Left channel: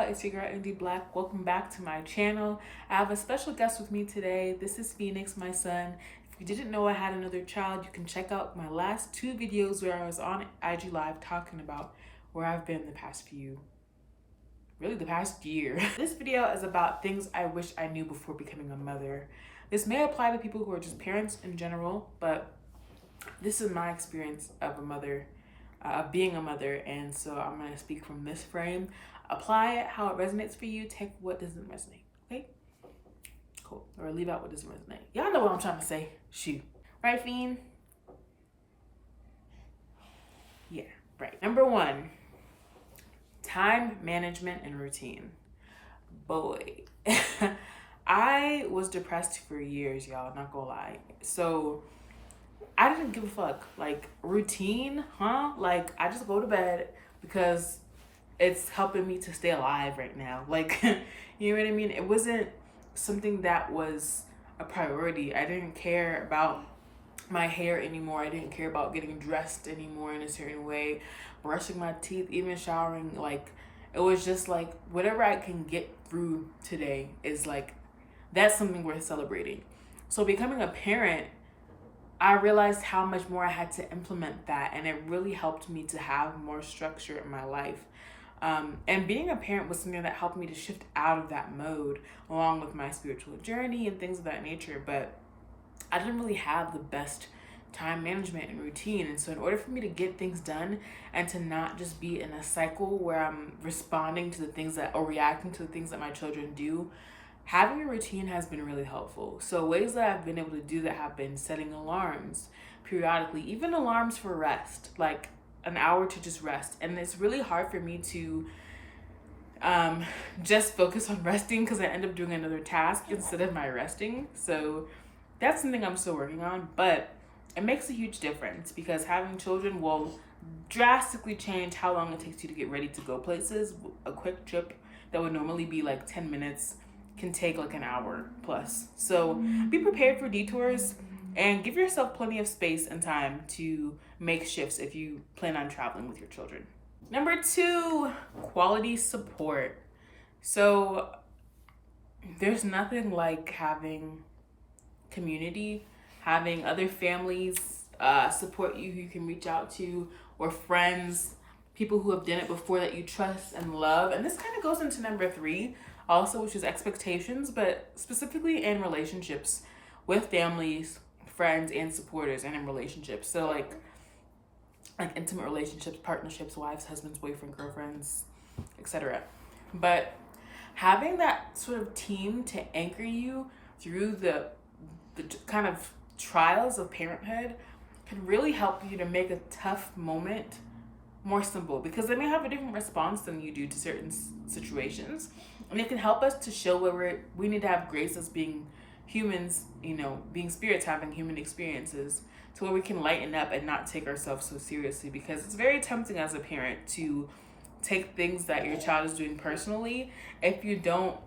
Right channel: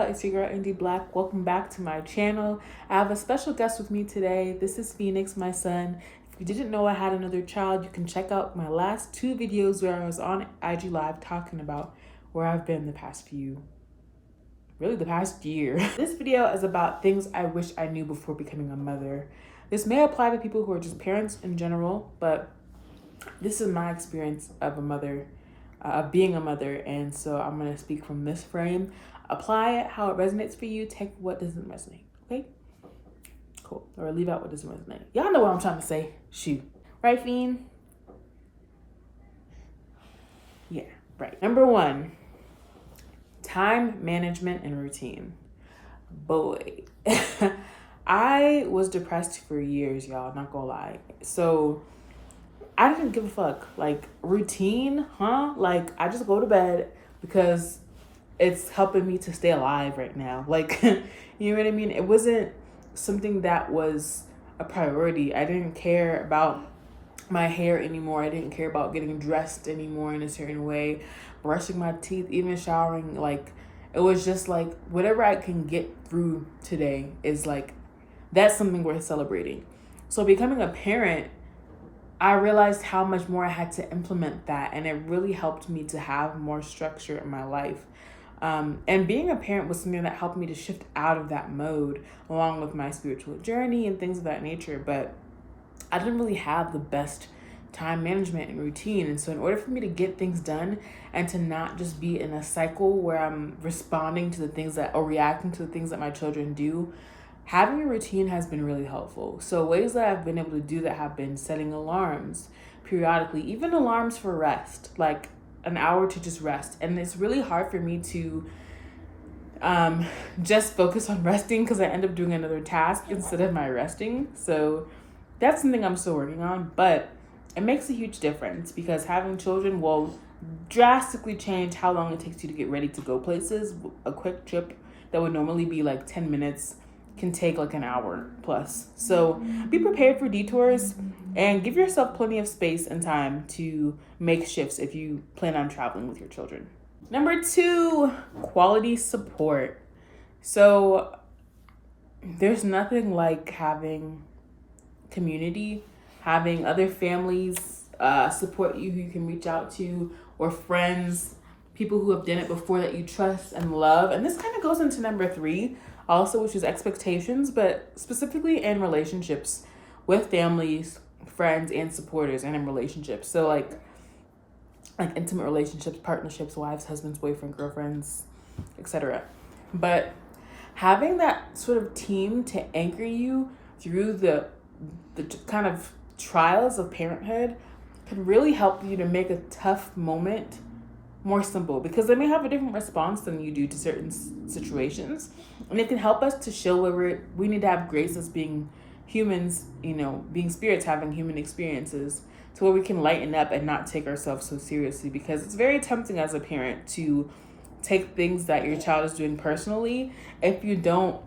y'all, it's your girl Indigo Black. Welcome back to my channel. I have a special guest with me today. This is Phoenix, my son. If you didn't know I had another child, you can check out my last two videos where I was on IG Live talking about where I've been the past year. This video is about things I wish I knew before becoming a mother. This may apply to people who are just parents in general, but this is my experience of a mother, of being a mother, and so I'm gonna speak from this frame. Apply it how it resonates for you. Take what doesn't resonate, okay? Cool. Or leave out what doesn't resonate. Y'all know what I'm trying to say. Shoot. Right, Fiend? Yeah, right. Number one, time management and routine. Boy, I was depressed for years, y'all, not gonna lie. So I didn't give a fuck. Like, routine, huh? Like, I just go to bed because it's helping me to stay alive right now. Like, you know what I mean? It wasn't something that was a priority. I didn't care about my hair anymore. I didn't care about getting dressed anymore in a certain way, brushing my teeth, even showering. Like, it was just like, whatever I can get through today is like, that's something worth celebrating. So becoming a parent, I realized how much more I had to implement that, and it really helped me to have more structure in my life. And being a parent was something that helped me to shift out of that mode, along with my spiritual journey and things of that nature. But I didn't really have the best time management and routine. And so in order for me to get things done and to not just be in a cycle where I'm responding to the things that, or reacting to the things that my children do, having a routine has been really helpful. So ways that I've been able to do that have been setting alarms periodically, even alarms for rest, like an hour to just rest. And it's really hard for me to just focus on resting because I end up doing another task instead of my resting. So that's something I'm still working on, but it makes a huge difference because having children will drastically change how long it takes you to get ready to go places. A quick trip that would normally be like 10 minutes can take like an hour plus. So be prepared for detours and give yourself plenty of space and time to make shifts if you plan on traveling with your children. Number two, quality support. So there's nothing like having community, having other families support you who you can reach out to, or friends, people who have done it before that you trust and love. And this kind of goes into number three also, which is expectations, but specifically in relationships with families, friends, and supporters, and in relationships. So like intimate relationships, partnerships, wives, husbands, boyfriend, girlfriends, etc. But having that sort of team to anchor you through the kind of trials of parenthood can really help you to make a tough moment more simple, because they may have a different response than you do to certain situations, and it can help us to show where we need to have grace as being humans, you know, being spirits having human experiences, to where we can lighten up and not take ourselves so seriously, because it's very tempting as a parent to take things that your child is doing personally if you don't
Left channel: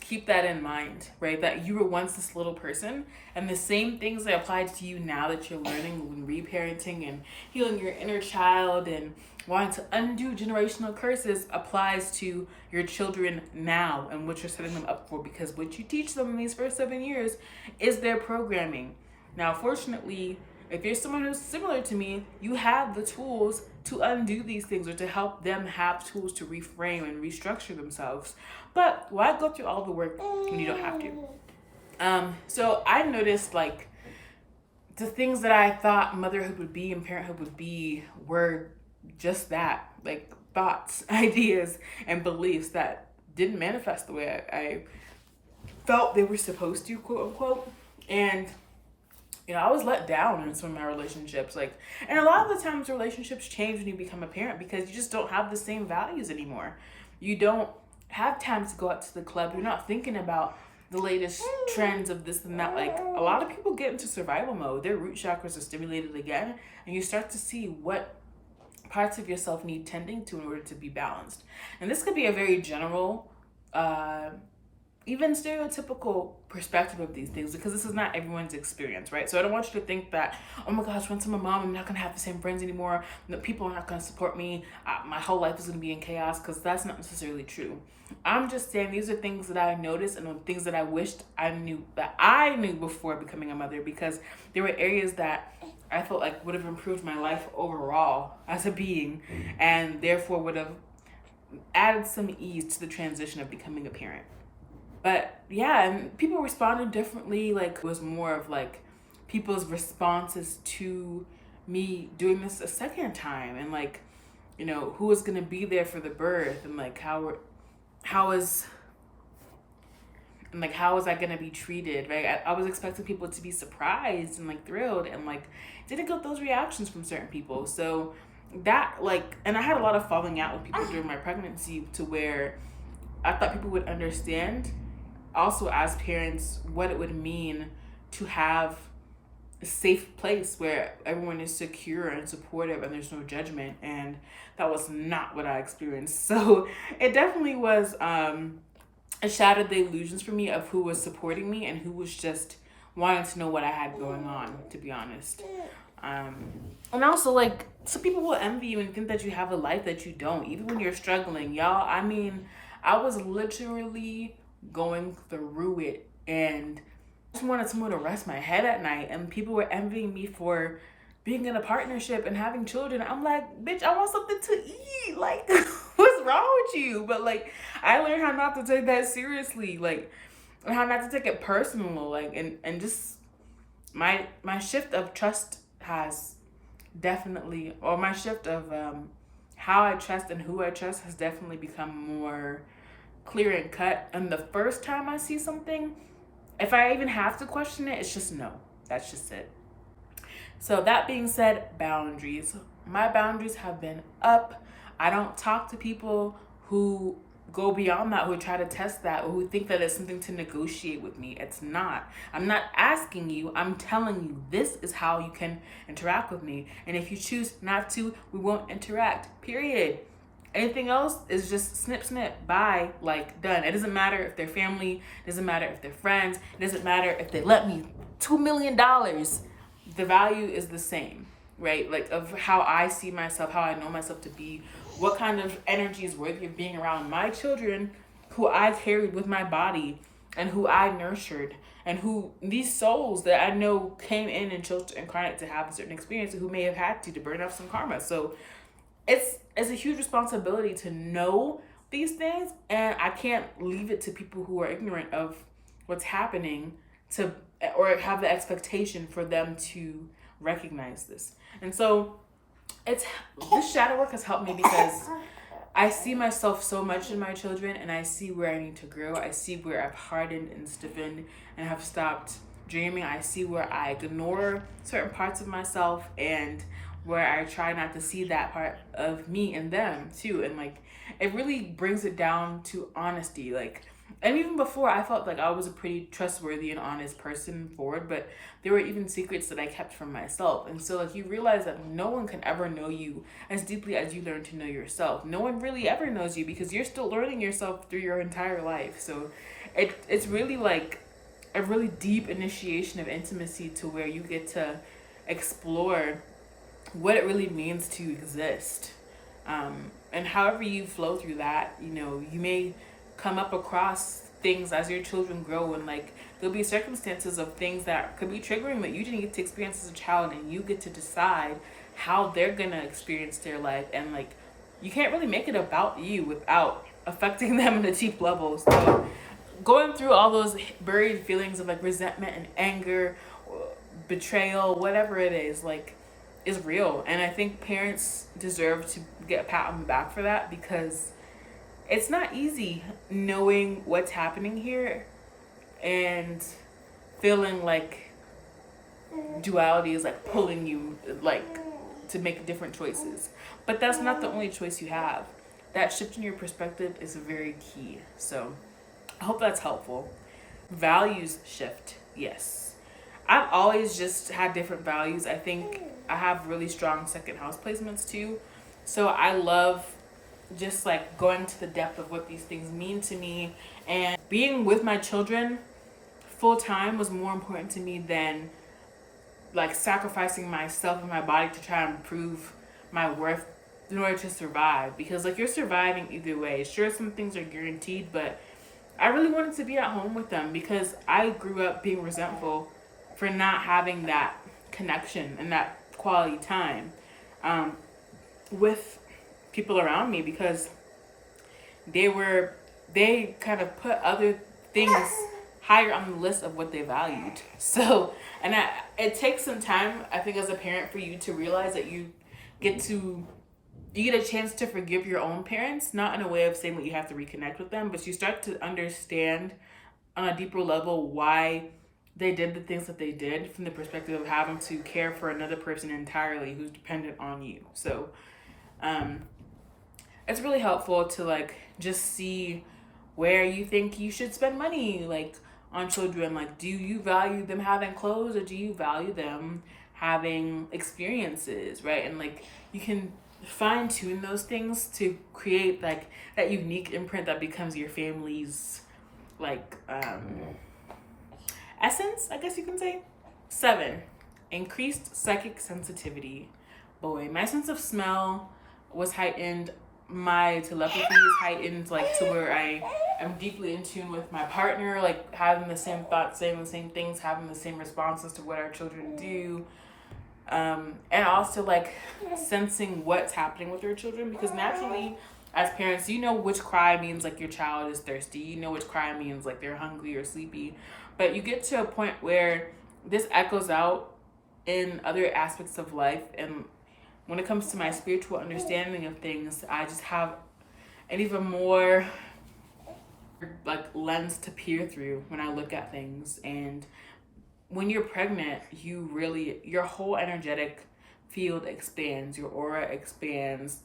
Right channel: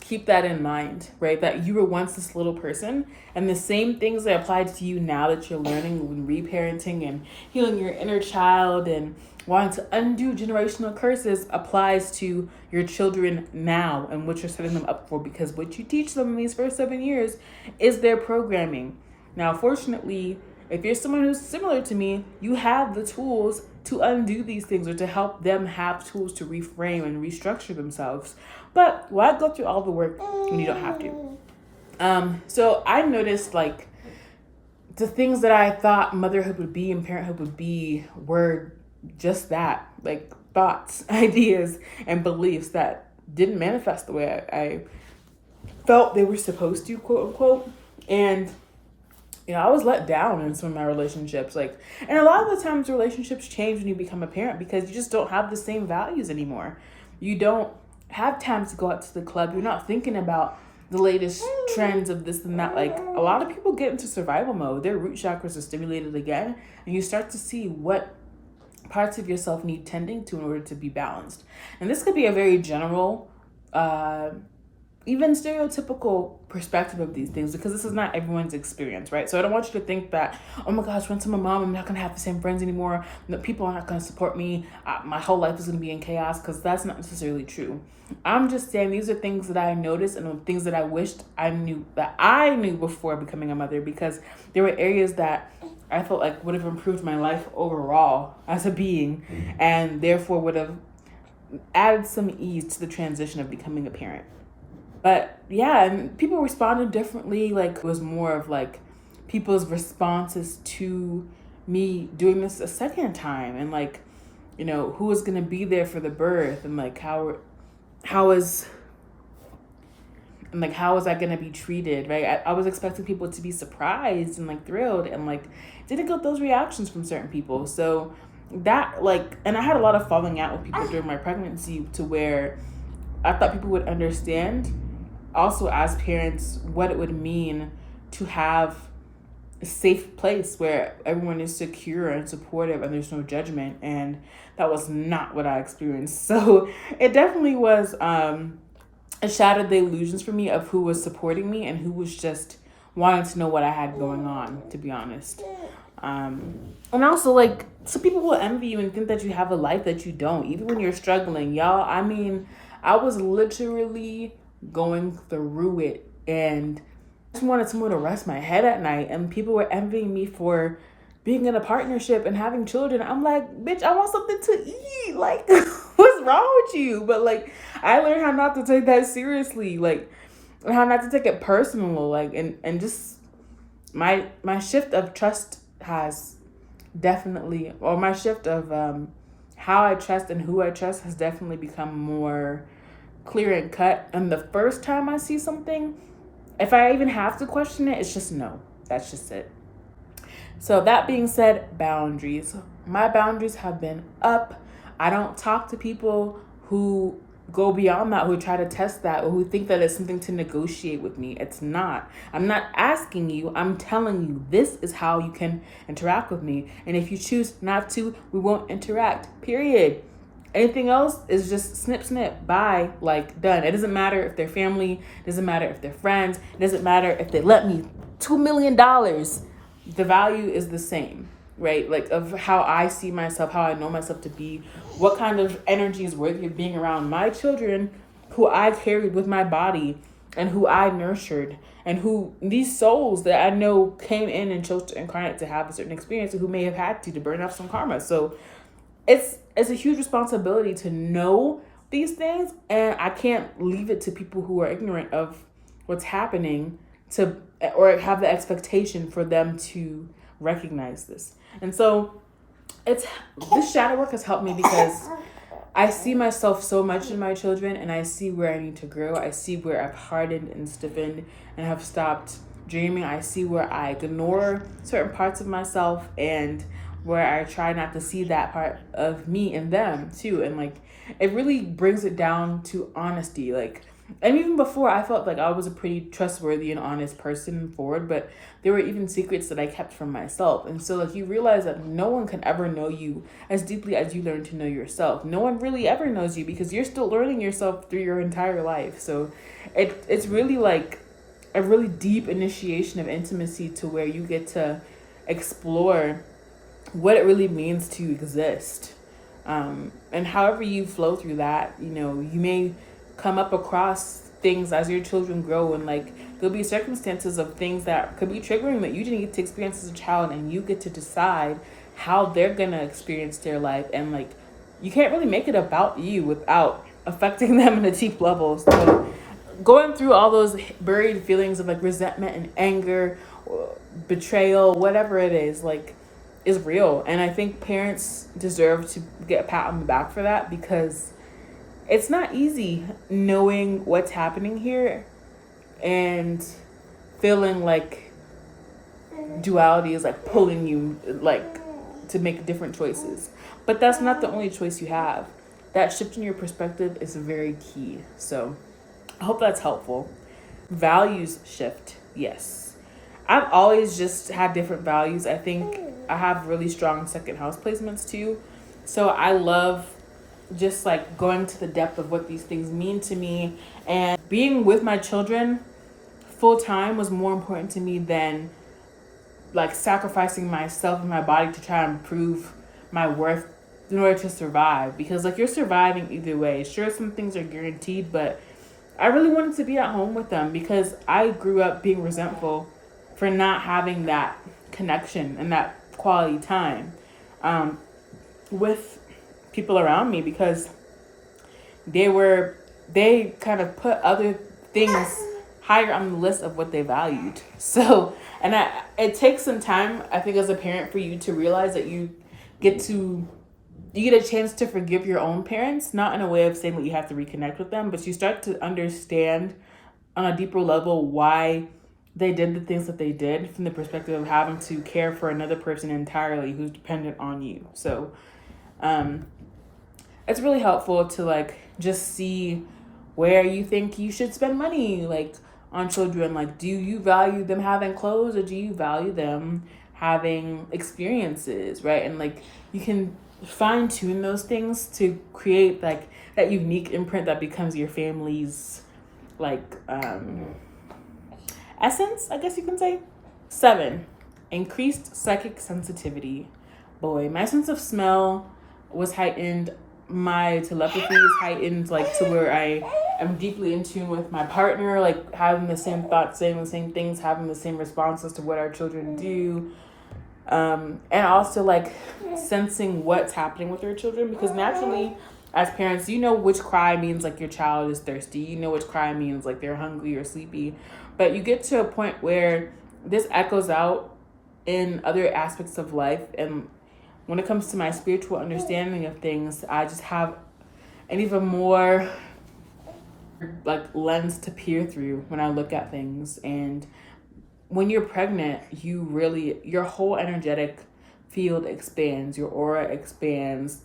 keep that in mind, right? That you were once this little person, and the same things that apply to you now that you're learning when reparenting and healing your inner child and wanting to undo generational curses applies to your children now and what you're setting them up for, because what you teach them in these first 7 years is their programming. Now, fortunately, if you're someone who's similar to me, you have the tools to undo these things, or to help them have tools to reframe and restructure themselves. But why go through all the work when you don't have to? So I noticed like the things that I thought motherhood would be and parenthood would be were just that, like thoughts, ideas, and beliefs that didn't manifest the way I felt they were supposed to, quote unquote. And you know, I was let down in some of my relationships. Like, and a lot of the times relationships change when you become a parent because you just don't have the same values anymore. You don't have time to go out to the club. You're not thinking about the latest trends of this and that. Like, a lot of people get into survival mode. Their root chakras are stimulated again, and you start to see what parts of yourself need tending to in order to be balanced. And this could be a very general even stereotypical perspective of these things, because this is not everyone's experience, right? So I don't want you to think that, oh my gosh, once I'm a mom, I'm not going to have the same friends anymore. No, people are not going to support me. My whole life is going to be in chaos, because that's not necessarily true. I'm just saying these are things that I noticed and things that I wished I knew before becoming a mother, because there were areas that I felt like would have improved my life overall as a being, and therefore would have added some ease to the transition of becoming a parent. But yeah, and people responded differently. Like, it was more of like people's responses to me doing this a second time, and like, you know, who was gonna be there for the birth, and like how was I gonna be treated, right? I was expecting people to be surprised and like thrilled, and like didn't get those reactions from certain people. So that, like, and I had a lot of falling out with people during my pregnancy, to where I thought people would understand also as parents what it would mean to have a safe place where everyone is secure and supportive and there's no judgment. And that was not what I experienced. So it definitely was, it shattered the illusions for me of who was supporting me and who was just wanting to know what I had going on, to be honest. And also, like, some people will envy you and think that you have a life that you don't, even when you're struggling. Y'all, I mean, I was literally going through it, and I just wanted someone to rest my head at night, and people were envying me for being in a partnership and having children. I'm like, bitch, I want something to eat. Like, what's wrong with you? But like, I learned how not to take that seriously, like, and how not to take it personal, like, and just my shift of trust has definitely, or my shift of how I trust and who I trust has definitely become more clear and cut. And the first time I see something, if I even have to question it, it's just no. That's just it. So that being said, boundaries. My boundaries have been up. I don't talk to people who go beyond that, who try to test that, or who think that it's something to negotiate with me. It's not. I'm not asking you. I'm telling you, this is how you can interact with me. And if you choose not to, we won't interact, period. Anything else is just snip, snip, bye, like, done. It doesn't matter if they're family. It doesn't matter if they're friends. It doesn't matter if they let me $2 million. The value is the same, right? Like, of how I see myself, how I know myself to be, what kind of energy is worthy of being around my children, who I carried with my body and who I nurtured, and who these souls that I know came in and chose to incarnate to have a certain experience, and who may have had to burn off some karma. So it's a huge responsibility to know these things, and I can't leave it to people who are ignorant of what's happening to, or have the expectation for them to recognize this. And so this shadow work has helped me, because I see myself so much in my children, and I see where I need to grow. I see where I've hardened and stiffened and have stopped dreaming. I see where I ignore certain parts of myself, and where I try not to see that part of me in them too. And like, it really brings it down to honesty. Like, and even before, I felt like I was a pretty trustworthy and honest person forward, but there were even secrets that I kept from myself. And so like, you realize that no one can ever know you as deeply as you learn to know yourself. No one really ever knows you, because you're still learning yourself through your entire life. So it's really like a really deep initiation of intimacy, to where you get to explore what it really means to exist. And however you flow through that, you know, you may come up across things as your children grow, and like, there'll be circumstances of things that could be triggering that you didn't get to experience as a child, and you get to decide how they're gonna experience their life. And like, you can't really make it about you without affecting them in a deep level. So going through all those buried feelings of like resentment and anger, betrayal, whatever it is, like, is real. And I think parents deserve to get a pat on the back for that, because it's not easy knowing what's happening here and feeling like duality is like pulling you like to make different choices. But that's not the only choice you have. That shift in your perspective is very key. So I hope that's helpful. Values shift, yes. I've always just had different values. I think I have really strong second house placements too. So I love just like going to the depth of what these things mean to me, And being with my children full time was more important to me than like sacrificing myself and my body to try and prove my worth in order to survive. Because like you're surviving either way. Sure, some things are guaranteed, but I really wanted to be at home with them because I grew up being resentful for not having that connection and that quality time with people around me, because they kind of put other things higher on the list of what they valued. So, and it takes some time, I think, as a parent for you to realize that you get a chance to forgive your own parents, not in a way of saying that you have to reconnect with them, but you start to understand on a deeper level why they did the things that they did from the perspective of having to care for another person entirely who's dependent on you. So it's really helpful to like just see where you think you should spend money, like on children. Like, do you value them having clothes, or do you value them having experiences, right? And like you can fine tune those things to create like that unique imprint that becomes your family's like essence, I guess you can say. 7, increased psychic sensitivity. Boy, my sense of smell was heightened. My telepathy is heightened, like to where I am deeply in tune with my partner, like having the same thoughts, saying the same things, having the same responses to what our children do. And also like sensing what's happening with your children, because naturally as parents, you know which cry means like your child is thirsty, you know which cry means like they're hungry or sleepy, but you get to a point where this echoes out in other aspects of life. And when it comes to my spiritual understanding of things, I just have an even more like lens to peer through when I look at things. And when you're pregnant, your whole energetic field expands, your aura expands.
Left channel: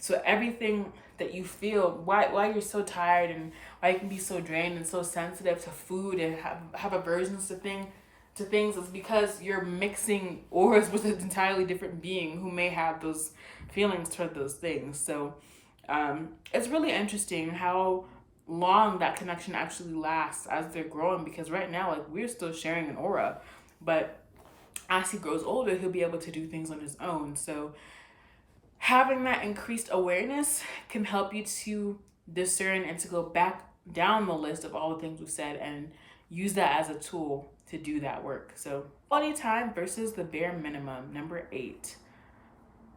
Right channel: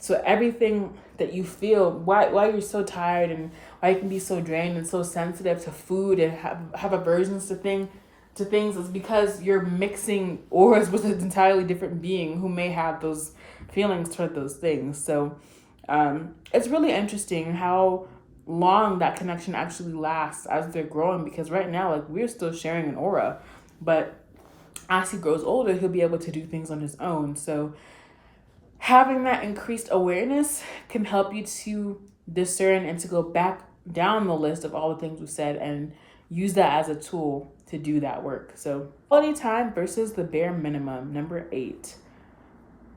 So everything that you feel, why you're so tired and why you can be so drained and so sensitive to food and have aversions to things is because you're mixing auras with an entirely different being who may have those feelings toward those things. So it's really interesting how long that connection actually lasts as they're growing, because right now like we're still sharing an aura, but as he grows older he'll be able to do things on his own. So having that increased awareness can help you to discern and to go back down the list of all the things we've said and use that as a tool to do that work. So quality time versus the bare minimum. Number 8.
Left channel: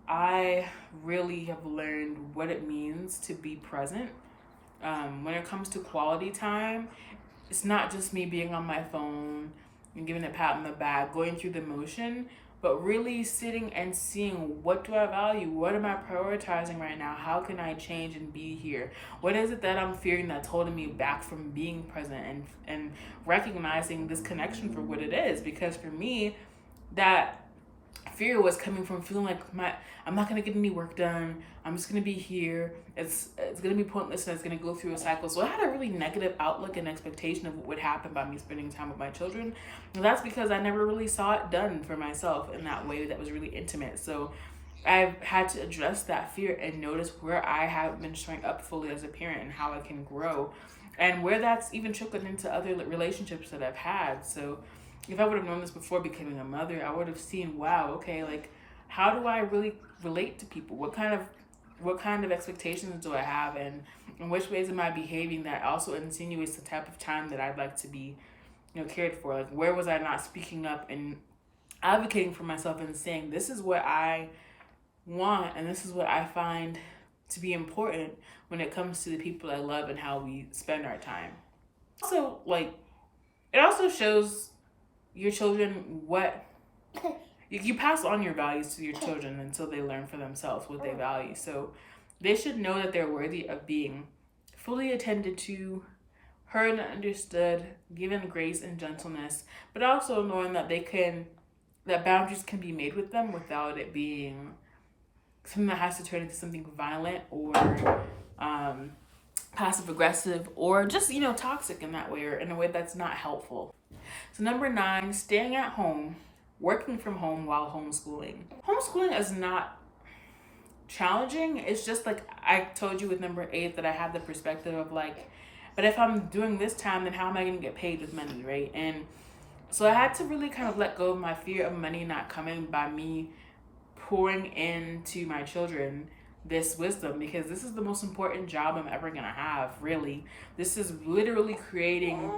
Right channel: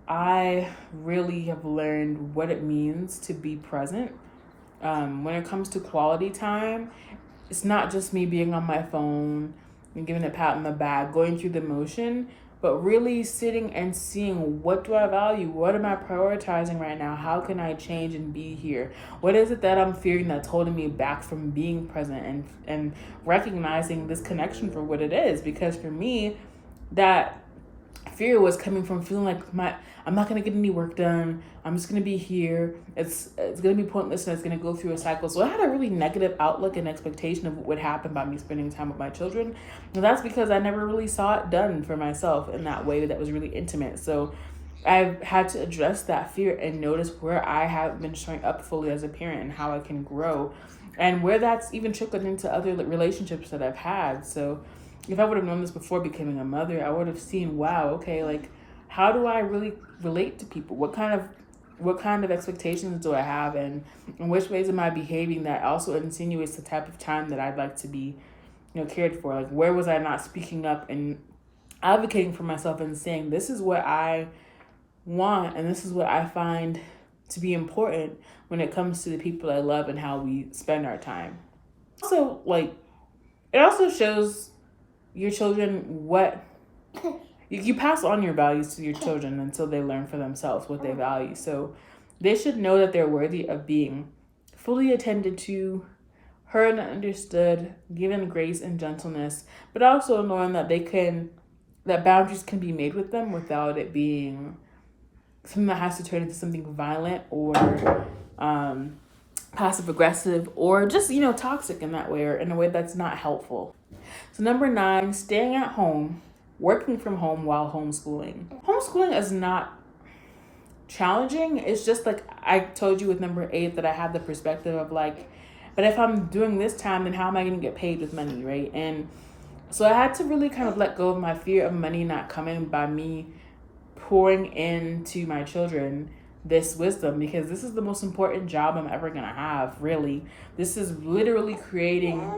I really have learned what it means to be present. When it comes to quality time, it's not just me being on my phone and giving a pat on the back, going through the motion, but really sitting and seeing, what do I value? What am I prioritizing right now? How can I change and be here? What is it that I'm fearing that's holding me back from being present and recognizing this connection for what it is? Because for me, that fear was coming from feeling like I'm not gonna get any work done. I'm just gonna be here. It's gonna be pointless and it's gonna go through a cycle. So I had a really negative outlook and expectation of what would happen by me spending time with my children. And that's because I never really saw it done for myself in that way that was really intimate. So I've had to address that fear and notice where I have been showing up fully as a parent and how I can grow, and where that's even trickled into other relationships that I've had. So if I would have known this before becoming a mother, I would have seen, wow, okay, like how do I really relate to people? What kind of expectations do I have, and in which ways am I behaving that also insinuates the type of time that I'd like to be, cared for? Like, where was I not speaking up and advocating for myself and saying, this is what I want and this is what I find to be important when it comes to the people I love and how we spend our time. Also, like, it also shows your children what you pass on your values to your children until they learn for themselves what they value. So they should know that they're worthy of being fully attended to, heard and understood, given grace and gentleness, but also knowing that that boundaries can be made with them without it being something that has to turn into something violent or passive aggressive or just, toxic in that way, or in a way that's not helpful. So number 9, staying at home, working from home while homeschooling. Homeschooling is not challenging. It's just like I told you with number 8 that I had the perspective of like, But if I'm doing this time, then how am I going to get paid with money, right? And so I had to really kind of let go of my fear of money not coming by me pouring into my children this wisdom, because this is the most important job I'm ever going to have, really. This is literally creating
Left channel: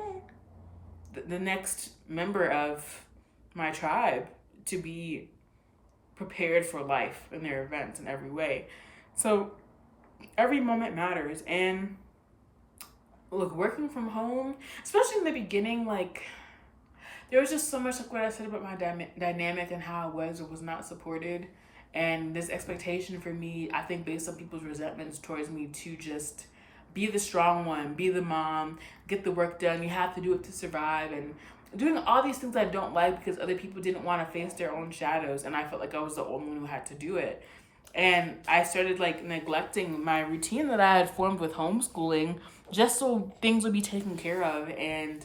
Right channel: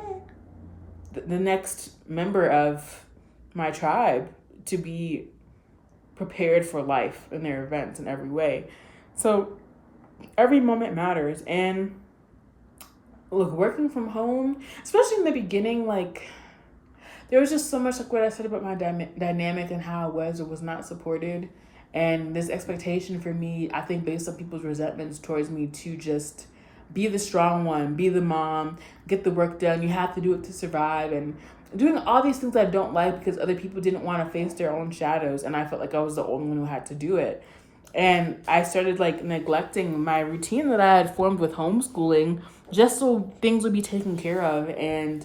the next member of my tribe to be prepared for life and their events in every way. So every moment matters. And look, working from home, especially in the beginning, like, there was just so much, like what I said about my dynamic and how I was or was not supported. And this expectation for me, I think based on people's resentments towards me, to just be the strong one, be the mom, get the work done. You have to do it to survive. And doing all these things I don't like because other people didn't want to face their own shadows. And I felt like I was the only one who had to do it. And I started like neglecting my routine that I had formed with homeschooling just so things would be taken care of. And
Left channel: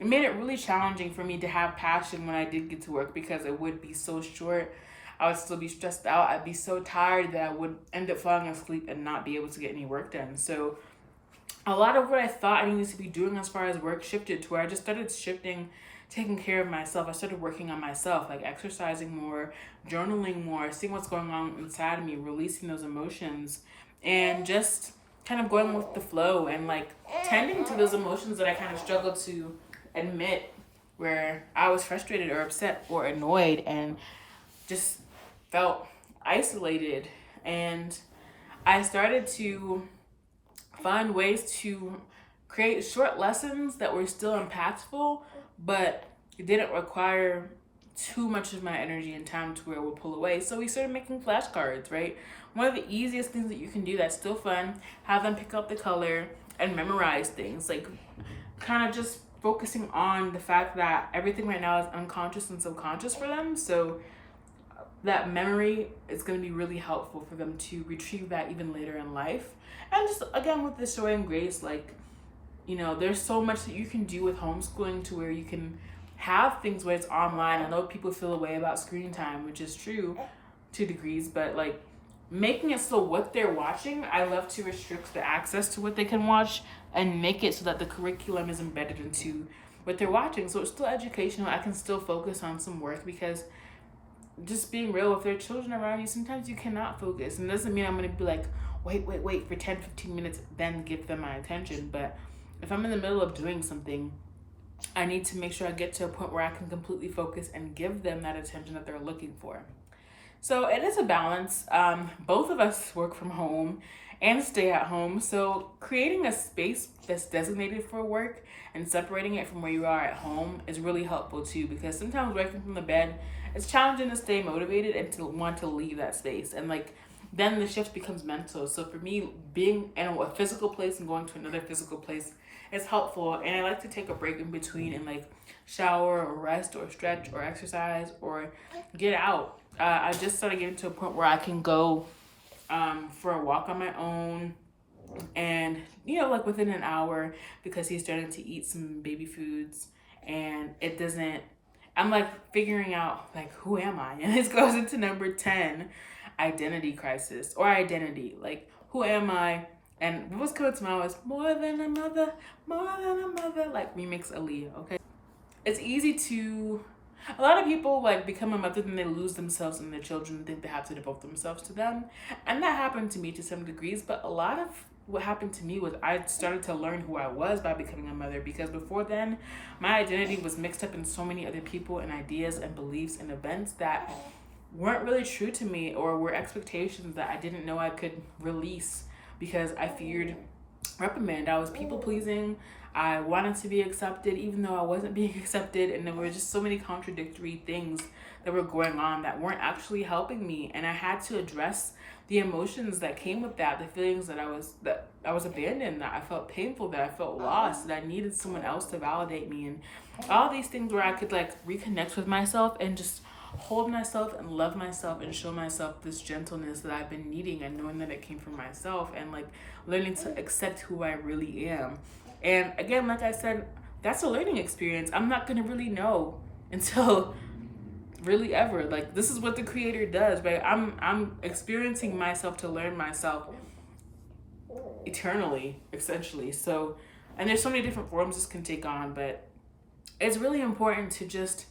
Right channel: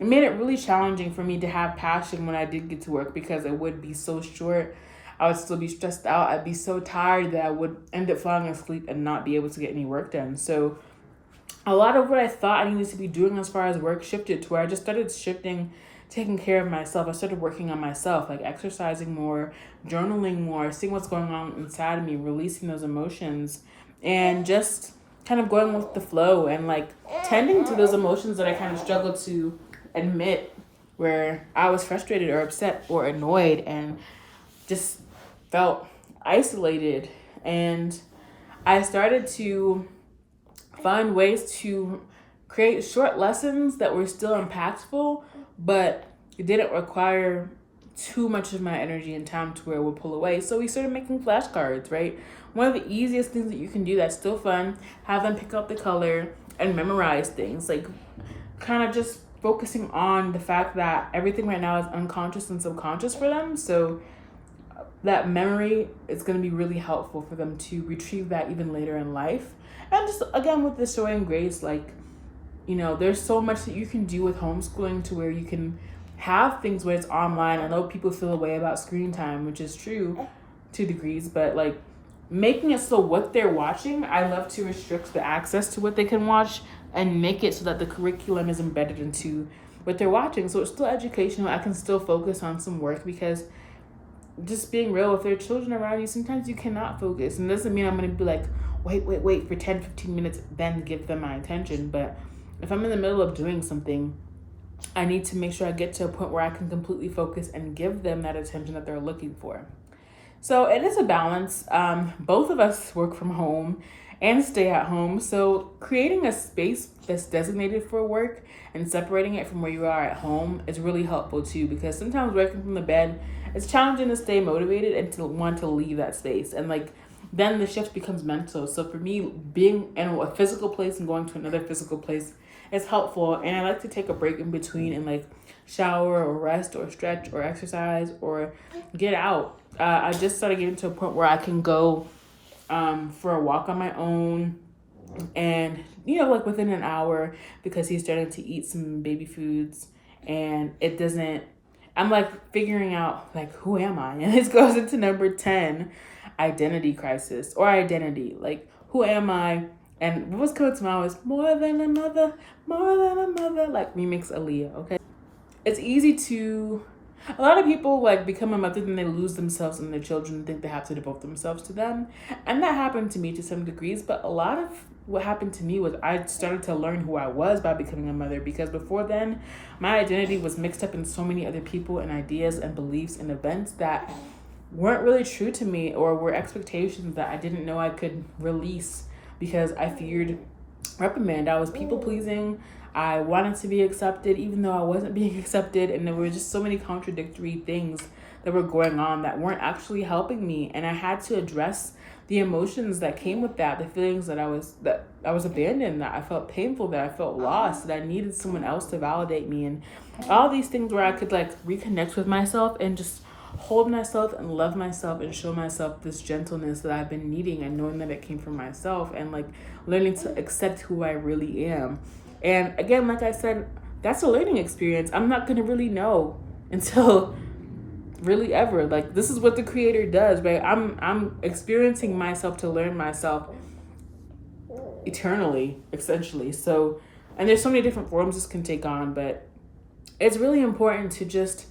it made it really challenging for me to have passion when I did get to work, because it would be so short. I would still be stressed out. I'd be so tired that I would end up falling asleep and not be able to get any work done. So a lot of what I thought I needed to be doing as far as work shifted to where I just started taking care of myself. I started working on myself, like exercising more, journaling more, seeing what's going on inside of me, releasing those emotions, and just kind of going with the flow and like tending to those emotions that I kind of struggled to admit, where I was frustrated or upset or annoyed and just felt isolated. And I started to find ways to create short lessons that were still impactful, but it didn't require too much of my energy and time to where it would pull away. So we started making flashcards, right? One of the easiest things that you can do that's still fun, have them pick up the color and memorize things, like kind of just focusing on the fact that everything right now is unconscious and subconscious for them. So that memory is going to be really helpful for them to retrieve that even later in life. And just again, with the showing grace, like, you know, there's so much that you can do with homeschooling to where you can have things where it's online. I know people feel a way about screen time, which is true to degrees, but like making it so what they're watching, I love to restrict the access to what they can watch and make it so that the curriculum is embedded into what they're watching. So it's still educational. I can still focus on some work, because just being real, if there are children around you, sometimes you cannot focus. And it doesn't mean I'm going to be like, wait for 10, 15 minutes, then give them my attention. But if I'm in the middle of doing something, I need to make sure I get to a point where I can completely focus and give them that attention that they're looking for. So it is a balance. Both of us work from home and stay at home. So creating a space that's designated for work and separating it from where you are at home is really helpful too, because sometimes working from the bed, it's challenging to stay motivated and to want to leave that space. And like, then the shift becomes mental. So for me, being in a physical place and going to another physical place is helpful. And I like to take a break in between and like shower or rest or stretch or exercise or get out. I just started getting to a point where I can go for a walk on my own, and like within an hour, because he's starting to eat some baby foods, and I'm like figuring out like, who am I? And this goes into number 10, identity crisis, or identity. Like, who am I? And what was coming to mind was more than a mother, like remix Aaliyah, okay? It's easy to, a lot of people like become a mother, then they lose themselves and their children and think they have to devote themselves to them. And that happened to me to some degrees, but a lot of what happened to me was I started to learn who I was by becoming a mother, because before then, my identity was mixed up in so many other people and ideas and beliefs and events that weren't really true to me, or were expectations that I didn't know I could release because I feared reprimand. I was people pleasing. I wanted to be accepted even though I wasn't being accepted, and there were just so many contradictory things that were going on that weren't actually helping me. And I had to address the emotions that came with that, the feelings that I was abandoned, that I felt painful, that I felt lost, that I needed someone else to validate me, and all these things where I could like reconnect with myself and just hold myself and love myself and show myself this gentleness that I've been needing, and knowing that it came from myself, and like learning to accept who I really am. And again, like I said, that's a learning experience. I'm not going to really know until really ever. Like, this is what the creator does, right? I'm experiencing myself to learn myself eternally, essentially. So And there's so many different forms this can take on, but it's really important to just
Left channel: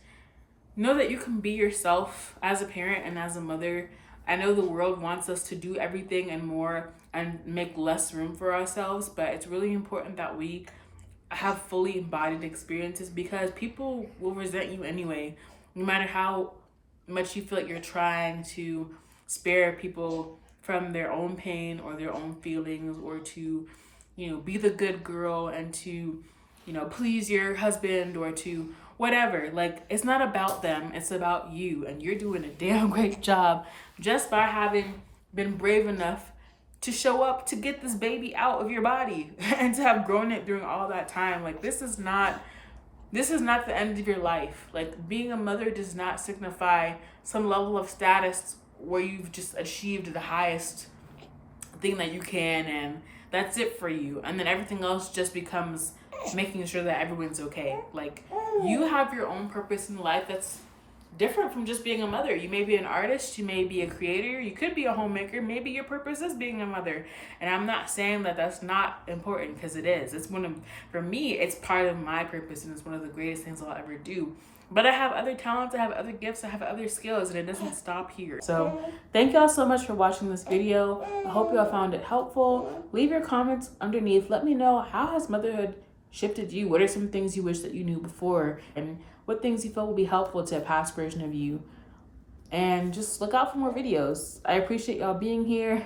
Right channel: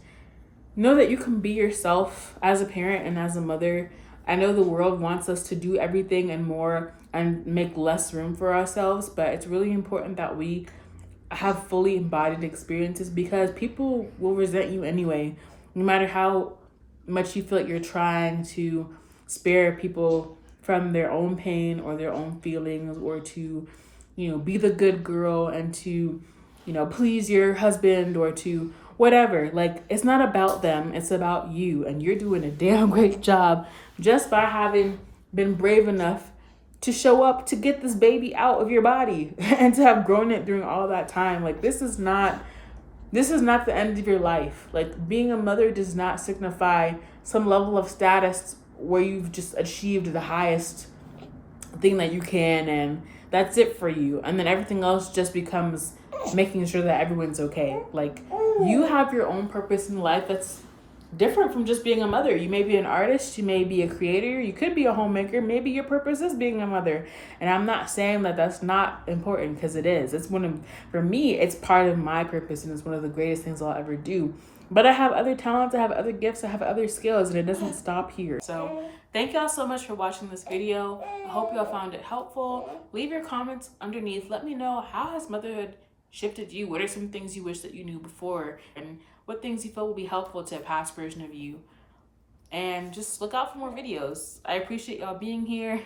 know that you can be yourself as a parent and as a mother. I know the world wants us to do everything and more and make less room for ourselves, but it's really important that we have fully embodied experiences, because people will resent you anyway, no matter how much you feel like you're trying to spare people from their own pain or their own feelings, or to, be the good girl and to, please your husband, or to whatever. Like, it's not about them, it's about you. And you're doing a damn great job just by having been brave enough to show up to get this baby out of your body and to have grown it during all that time. Like, this is not the end of your life. Like, being a mother does not signify some level of status where you've just achieved the highest thing that you can, and that's it for you. And then everything else just becomes making sure that everyone's okay. Like, you have your own purpose in life that's different from just being a mother. You may be an artist, you may be a creator, you could be a homemaker. Maybe your purpose is being a mother. And I'm not saying that that's not important, because it is. For me, it's part of my purpose, and it's one of the greatest things I'll ever do. But I have other talents, I have other gifts, I have other skills, and it doesn't stop here. So thank y'all so much for watching this video. I hope y'all found it helpful. Leave your comments underneath. Let me know, how has motherhood shifted you? What are some things you wish that you knew before? And what things you feel will be helpful to a past version of you? And just look out for more videos. I appreciate y'all being here.